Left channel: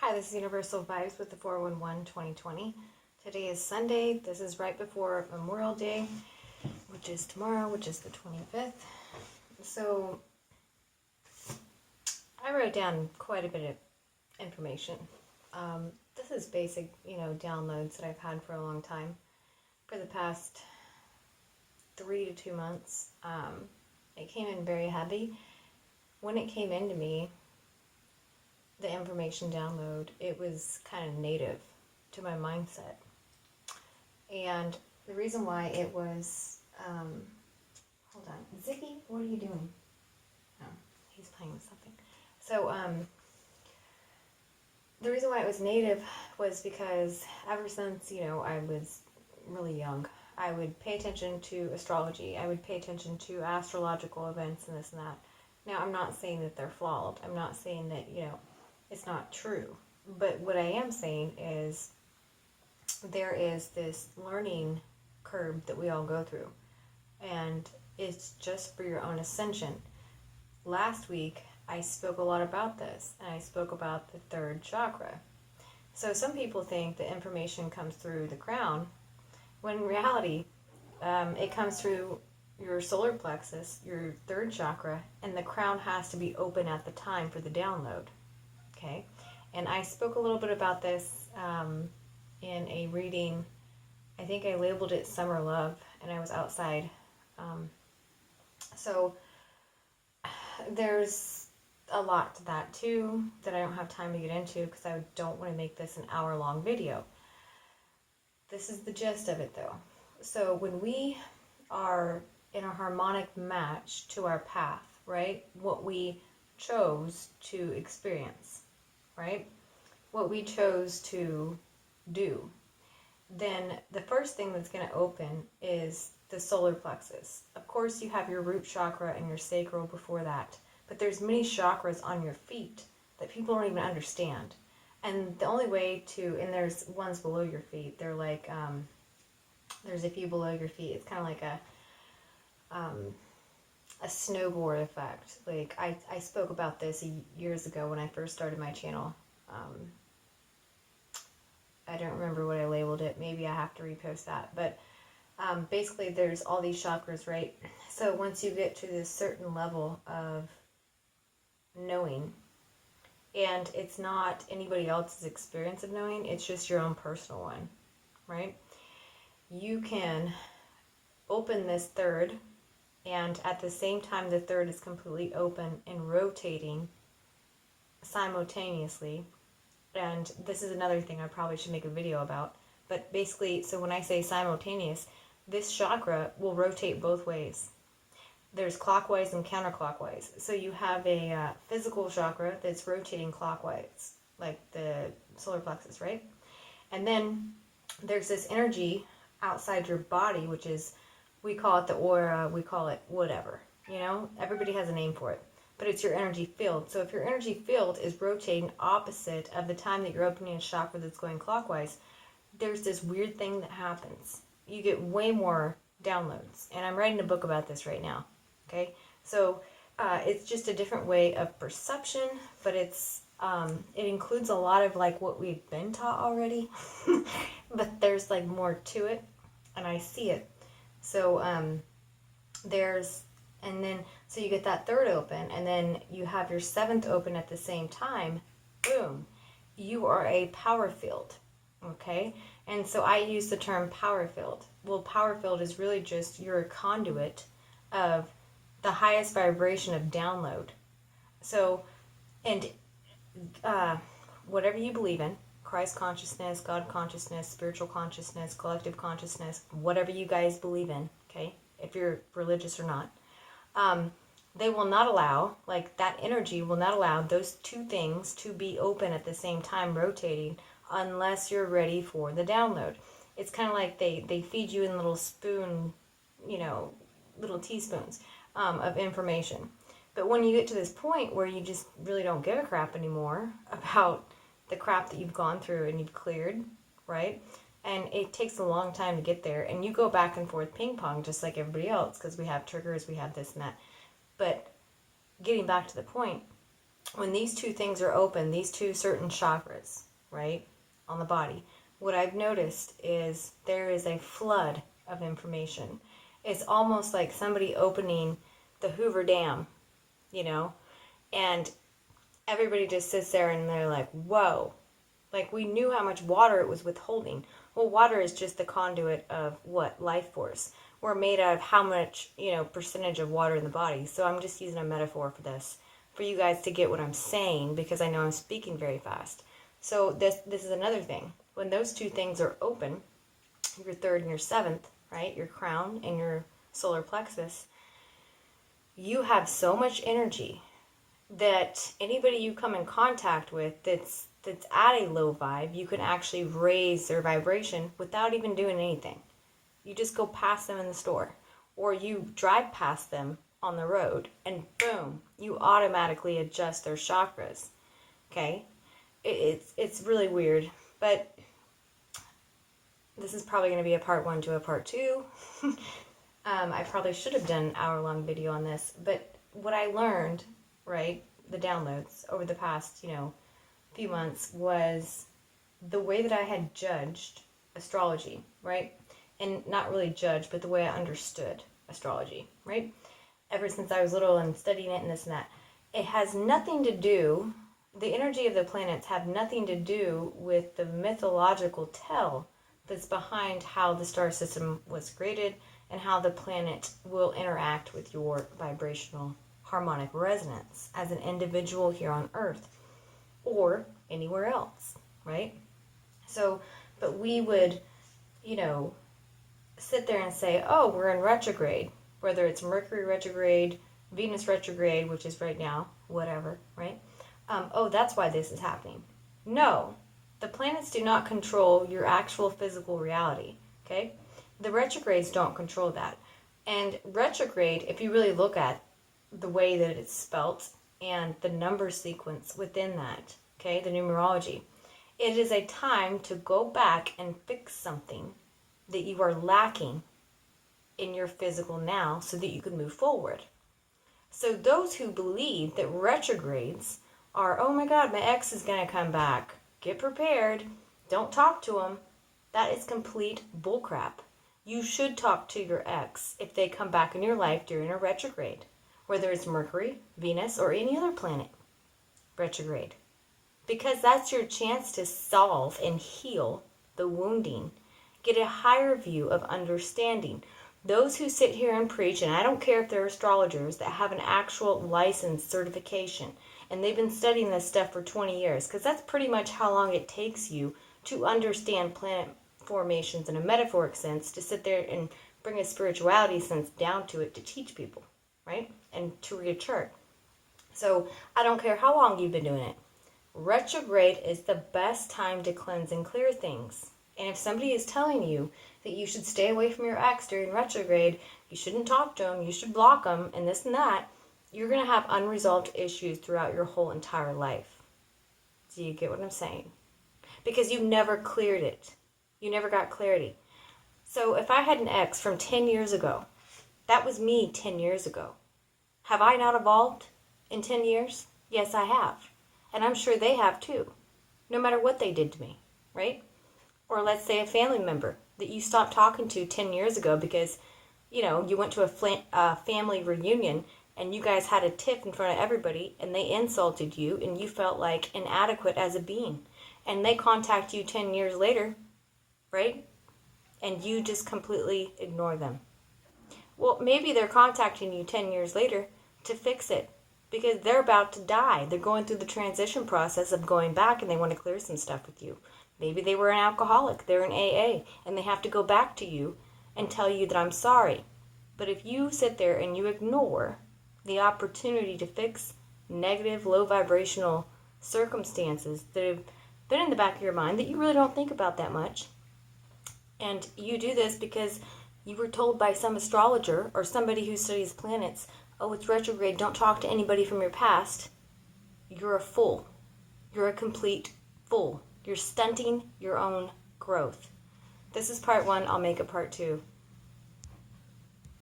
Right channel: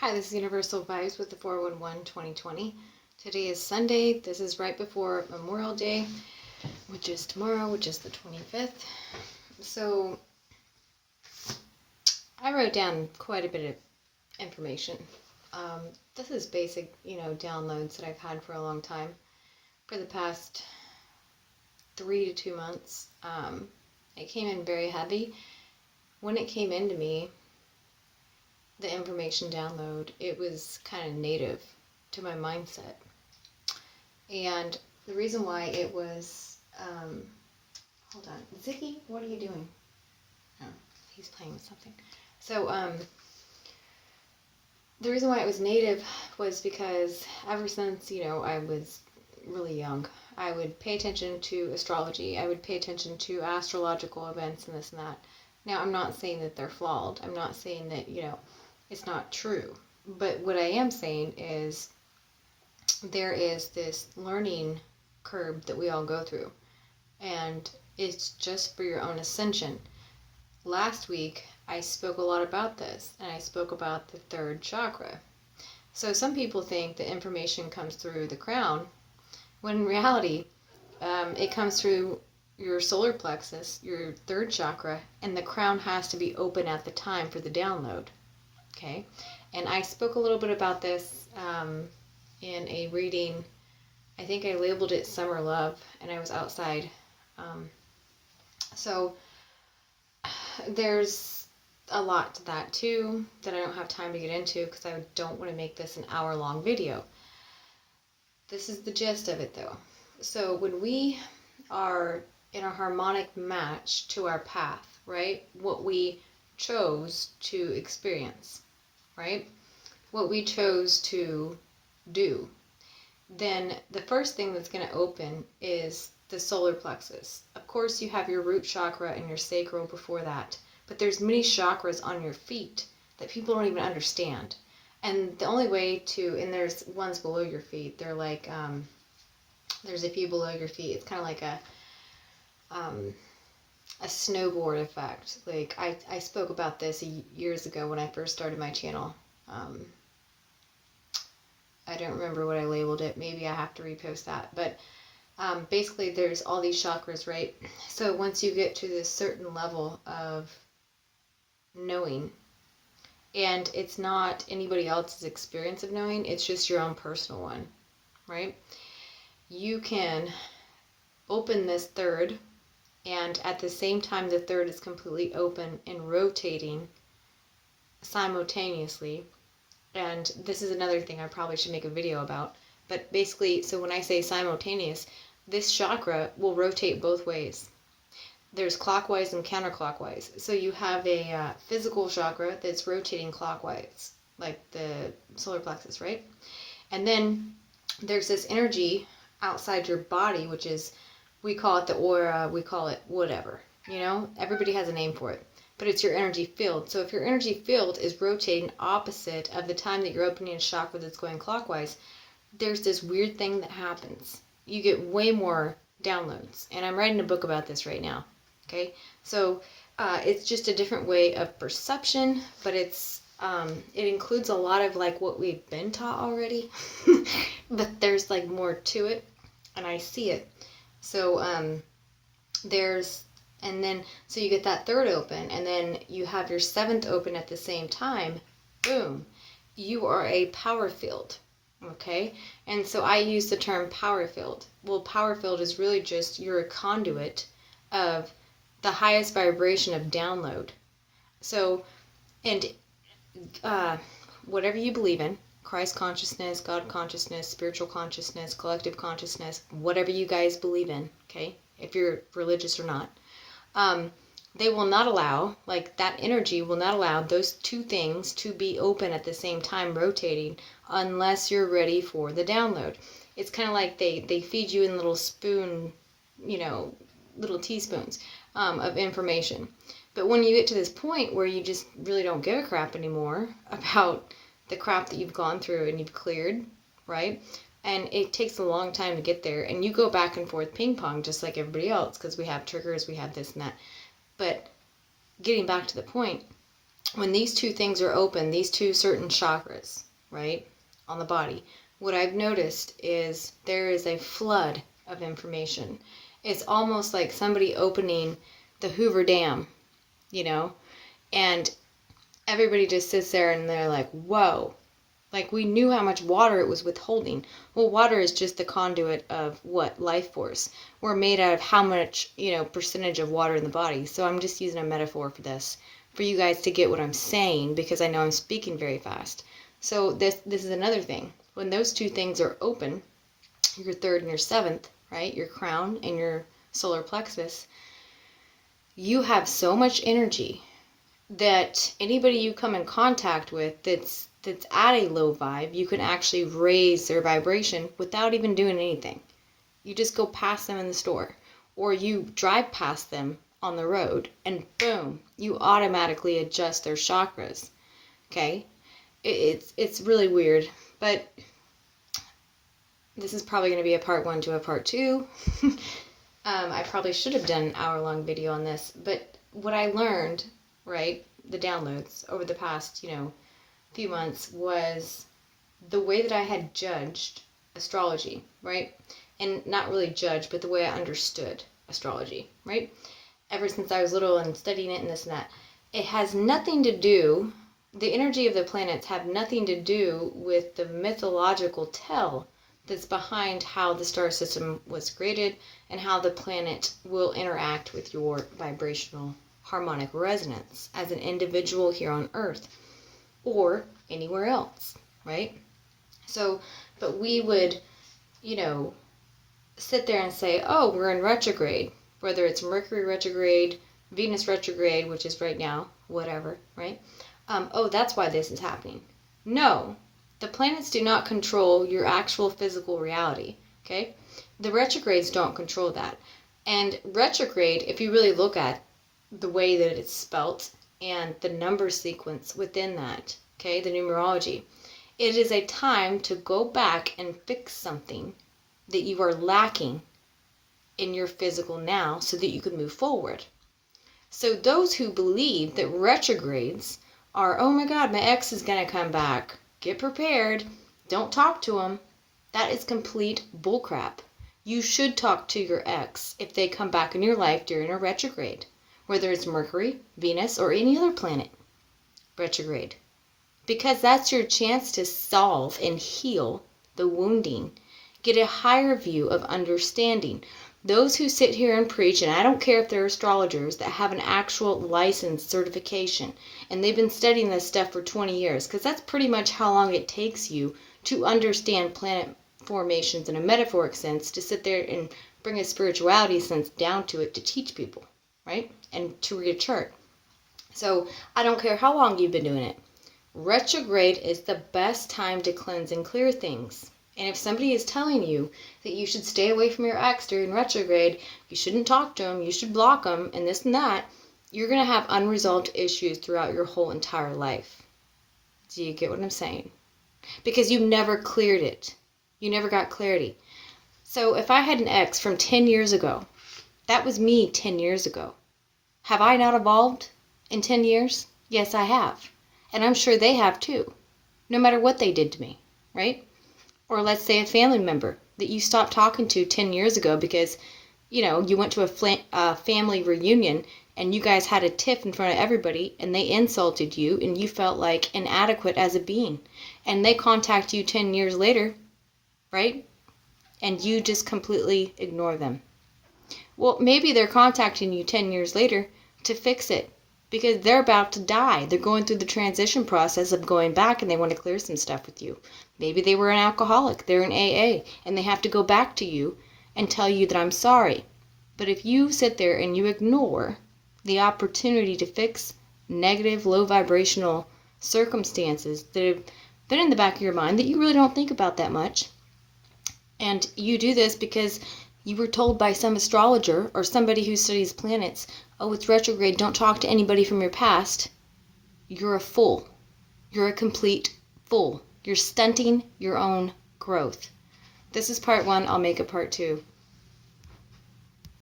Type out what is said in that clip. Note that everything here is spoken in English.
Hi, this is Universal Vibes with the 411 2020. Today is Sunday. This is right before Memorial Day, which is tomorrow, which is the 25th. So, I wrote down quite a bit of information. This is basic, downloads that I've had for a long time. For the past 3 to 2 months, it came in very heavy. When it came into me, the information download, it was kind of native to my mindset. And the reason why it was, hold on, Ziggy, what are you doing? Oh, he's playing with something. So, the reason why it was native was because ever since, I was really young, I would pay attention to astrology. I would pay attention to astrological events and this and that. Now, I'm not saying that they're flawed. I'm not saying that, it's not true. But what I am saying is there is this learning curve that we all go through, and it's just for your own ascension. Last week, I spoke a lot about this, and I spoke about the third chakra. So some people think the information comes through the crown, when in reality, it comes through your solar plexus, your third chakra, and the crown has to be open at the time for the download. Okay? And I spoke a little bit about this in a reading. I think I labeled it Summer Love, and I was outside. So there's a lot to that too that I don't have time to get into because I don't want to make this an hour-long video. This is the gist of it though. So when we are in a harmonic match to our path, right? What we chose to experience, right? What we chose to do, then the first thing that's going to open is the solar plexus. Of course, you have your root chakra and your sacral before that, but there's many chakras on your feet that people don't even understand. And the only way to, and there's ones below your feet, they're like, there's a few below your feet. It's kind of like a snowboard effect. Like I spoke about this years ago when I first started my channel. I don't remember what I labeled it. Maybe I have to repost that. But basically, there's all these chakras, right? So once you get to this certain level of knowing, and it's not anybody else's experience of knowing, it's just your own personal one, right? You can open this third, and at the same time the third is completely open and rotating simultaneously. And this is another thing I probably should make a video about. But basically, so when I say simultaneous, this chakra will rotate both ways. There's clockwise and counterclockwise. So you have a physical chakra that's rotating clockwise, like the solar plexus, right? And then there's this energy outside your body, which is, we call it the aura, we call it whatever. Everybody has a name for it. But it's your energy field. So if your energy field is rotating opposite of the time that you're opening a chakra that's going clockwise, there's this weird thing that happens. You get way more downloads. And I'm writing a book about this right now. Okay? So it's just a different way of perception, but it includes a lot of like what we've been taught already. But there's like more to it, and I see it. So and then, so you get that third open, and then you have your seventh open at the same time. Boom. You are a power field. Okay? And so I use the term power field. Well, power field is really just you're a conduit of the highest vibration of download. So, and whatever you believe in, Christ consciousness, God consciousness, spiritual consciousness, collective consciousness, whatever you guys believe in, okay? If you're religious or not. They will not allow, like that energy will not allow those two things to be open at the same time rotating unless you're ready for the download. It's kind of like they feed you in little spoon, little teaspoons of information. But when you get to this point where you just really don't give a crap anymore about the crap that you've gone through and you've cleared, right? And it takes a long time to get there. And you go back and forth ping pong just like everybody else because we have triggers, we have this and that. But getting back to the point, when these two things are open, these two certain chakras, right, on the body, what I've noticed is there is a flood of information. It's almost like somebody opening the Hoover Dam, you know, and everybody just sits there and they're like, whoa. Like, we knew how much water it was withholding. Well, water is just the conduit of what? Life force. We're made out of how much, percentage of water in the body. So I'm just using a metaphor for this, for you guys to get what I'm saying, because I know I'm speaking very fast. So this is another thing. When those two things are open, your third and your seventh, right? Your crown and your solar plexus, you have so much energy that anybody you come in contact with that's at a low vibe, you can actually raise their vibration without even doing anything. You just go past them in the store, or you drive past them on the road, and boom, you automatically adjust their chakras. Okay? It's really weird, but this is probably going to be a part 1 to a part 2. I probably should have done an hour-long video on this, but what I learned, right, the downloads over the past, few months, was the way that I had judged astrology, right? And not really judged, but the way I understood astrology, right? Ever since I was little and studying it and this and that. It has nothing to do, the energy of the planets have nothing to do with the mythological tale that's behind how the star system was created and how the planet will interact with your vibrational harmonic resonance as an individual here on Earth or anywhere else, right? So, but we would, sit there and say, oh, we're in retrograde, whether it's Mercury retrograde, Venus retrograde, which is right now, whatever, right? Oh, that's why this is happening. No, the planets do not control your actual physical reality, okay? The retrogrades don't control that. And retrograde, if you really look at the way that it's spelt and the number sequence within that, okay, the numerology, it is a time to go back and fix something that you are lacking in your physical now so that you can move forward. So those who believe that retrogrades are, oh my God, my ex is going to come back, get prepared, don't talk to him, that is complete bullcrap. You should talk to your ex if they come back in your life during a retrograde, whether it's Mercury, Venus, or any other planet retrograde. Because that's your chance to solve and heal the wounding. Get a higher view of understanding. Those who sit here and preach, and I don't care if they're astrologers that have an actual license certification, and they've been studying this stuff for 20 years, because that's pretty much how long it takes you to understand planet formations in a metaphoric sense, to sit there and bring a spirituality sense down to it to teach people, right? And to read a chart. So I don't care how long you've been doing it. Retrograde is the best time to cleanse and clear things. And if somebody is telling you that you should stay away from your ex during retrograde, you shouldn't talk to them, you should block them, and this and that, you're going to have unresolved issues throughout your whole entire life. Do you get what I'm saying? Because you never cleared it. You never got clarity. So if I had an ex from 10 years ago, that was me 10 years ago. Have I not evolved in 10 years? Yes, I have. And I'm sure they have too, no matter what they did to me, right? Or let's say a family member that you stopped talking to 10 years ago because, you went to a family reunion and you guys had a tiff in front of everybody and they insulted you and you felt like inadequate as a being. And they contact you 10 years later, right? And you just completely ignore them. Well, maybe they're contacting you 10 years later to fix it because they're about to die. They're going through the transition process of going back and they want to clear some stuff with you. Maybe they were an alcoholic, they're in AA, and they have to go back to you and tell you that I'm sorry. But if you sit there and you ignore the opportunity to fix negative, low vibrational circumstances that have been in the back of your mind that you really don't think about that much, and you do this because you were told by some astrologer or somebody who studies planets, oh, it's retrograde, don't talk to anybody from your past, you're a fool. You're a complete fool. You're stunting your own growth. This is part 1. I'll make a part 2.